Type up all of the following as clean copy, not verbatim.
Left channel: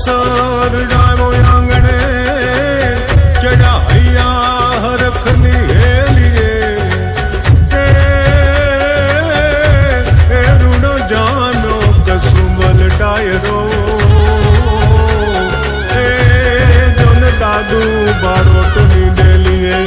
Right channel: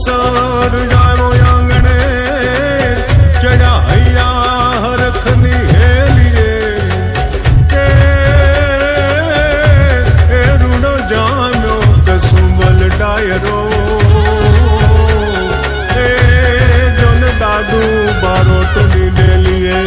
sir जावो आंगणे चढ़ा हैया हरखनी हेलिए रूणो जाम्यो कसुंबल डायरो जोन दादू बारोटनी डेलिए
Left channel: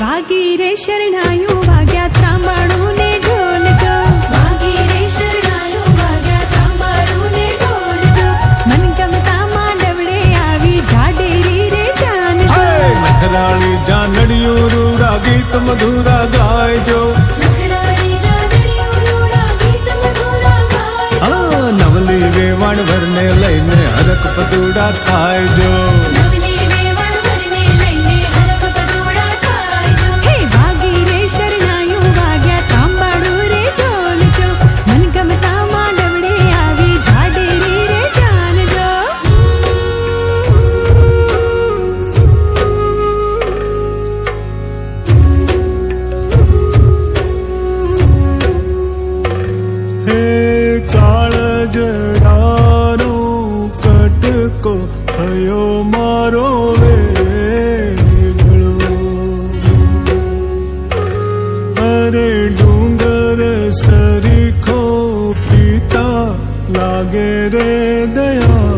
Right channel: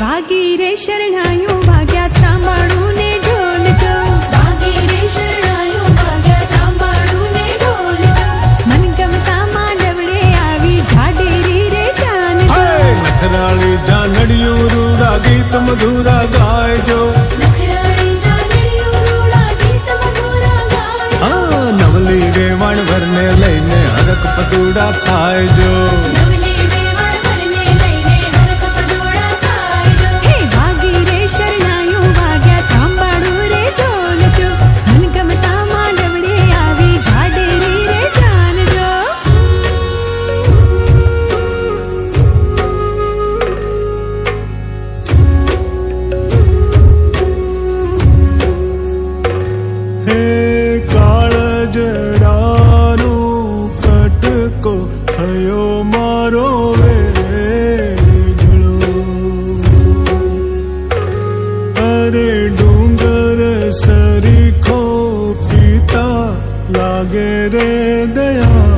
वागी रे शरणायो वाग्या त्रांबाळू ने ढोल जो वागी रे शरणायो वाग्या त्रांबाळू ने ढोल जो मन गमता मांडवड़े आवी झाडेरी रे जान जो नखराली जानड़ियो रूड़ा गीत मधुरा गाय जो नवली वेवण भरने लईने हरक पदूड़ा थाय जो शरणायो वाग्या त्रांबाळू रे ढोल जो मन गमता मांडवड़े आवी झाडेरी रे जान जो हे काळजडानो कटको थयो मारो अरे डूंगर सरीखो पीता लागे रे दया